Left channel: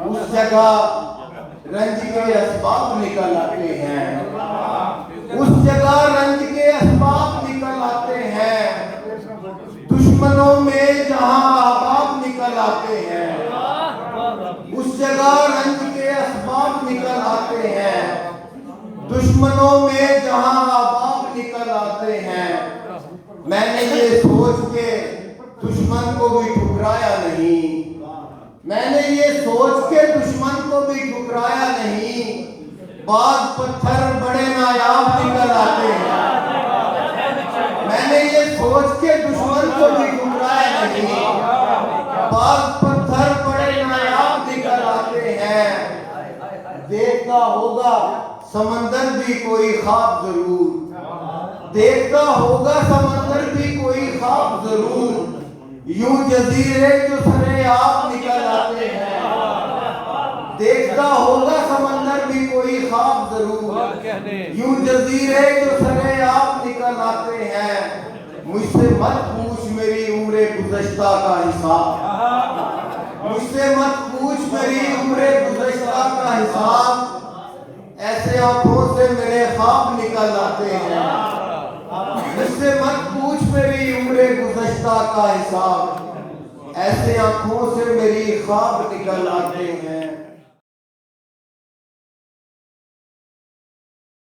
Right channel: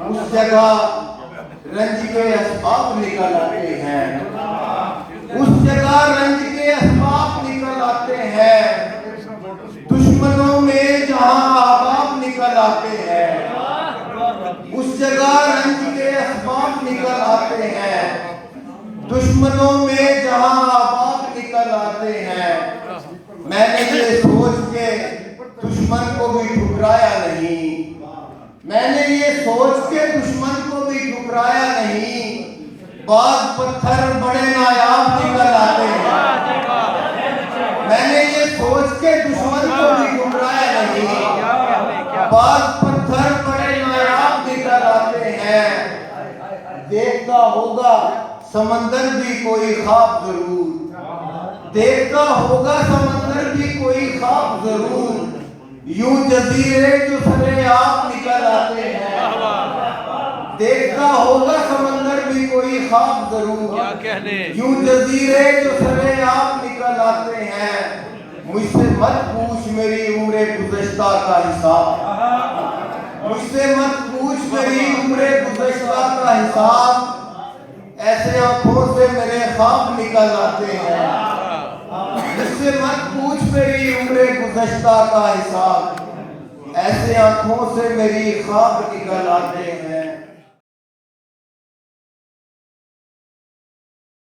اس جگہ رنج کے اسباب نکل آتے ہیں، اس جگہ رنج کے اسباب نکل آتے ہیں، دشمنوں میں جہاں احباب نکل آتے ہیں، اس جگہ رنج کے اسباب نکل آتے ہیں، دشمنوں میں جہاں احباب نکل آتے ہیں۔ میں نے یہ سوچ کے دشمن کو بھی ٹھکرایا نہیں، میں نے یہ سوچ کے دشمن کو بھی ٹھکرایا نہیں، بعض پتھر بڑے نایاب نکل آتے ہیں۔ میں نے یہ سوچ کے دشمن کو بھی ٹھکرایا نہیں، بعض پتھر بڑے نایاب نکل آتے ہیں۔ دیکھتا ہوگا سمندر بھی کوئی خواب ضرور، دیکھتا ہوگا سمندر بھی کوئی خواب ضرور، یوں جزیرے جو سرے آپ نکل آتے ہیں۔ دیکھتا ہوگا سمندر بھی کوئی خواب ضرور، یوں جزیرے جو سرے آپ نکل آتے ہیں۔ مجھ سے مت پوچھ میری عمر گزشتہ کا حساب، مجھ سے مت پوچھ میری عمر گزشتہ کا حساب، ایسے آنکھوں سے میرے خواب نکل آتے ہیں۔ مجھ سے مت پوچھ میری عمر گزشتہ کا حساب، ایسے آنکھوں سے میری خواب نکل آتے ہیں۔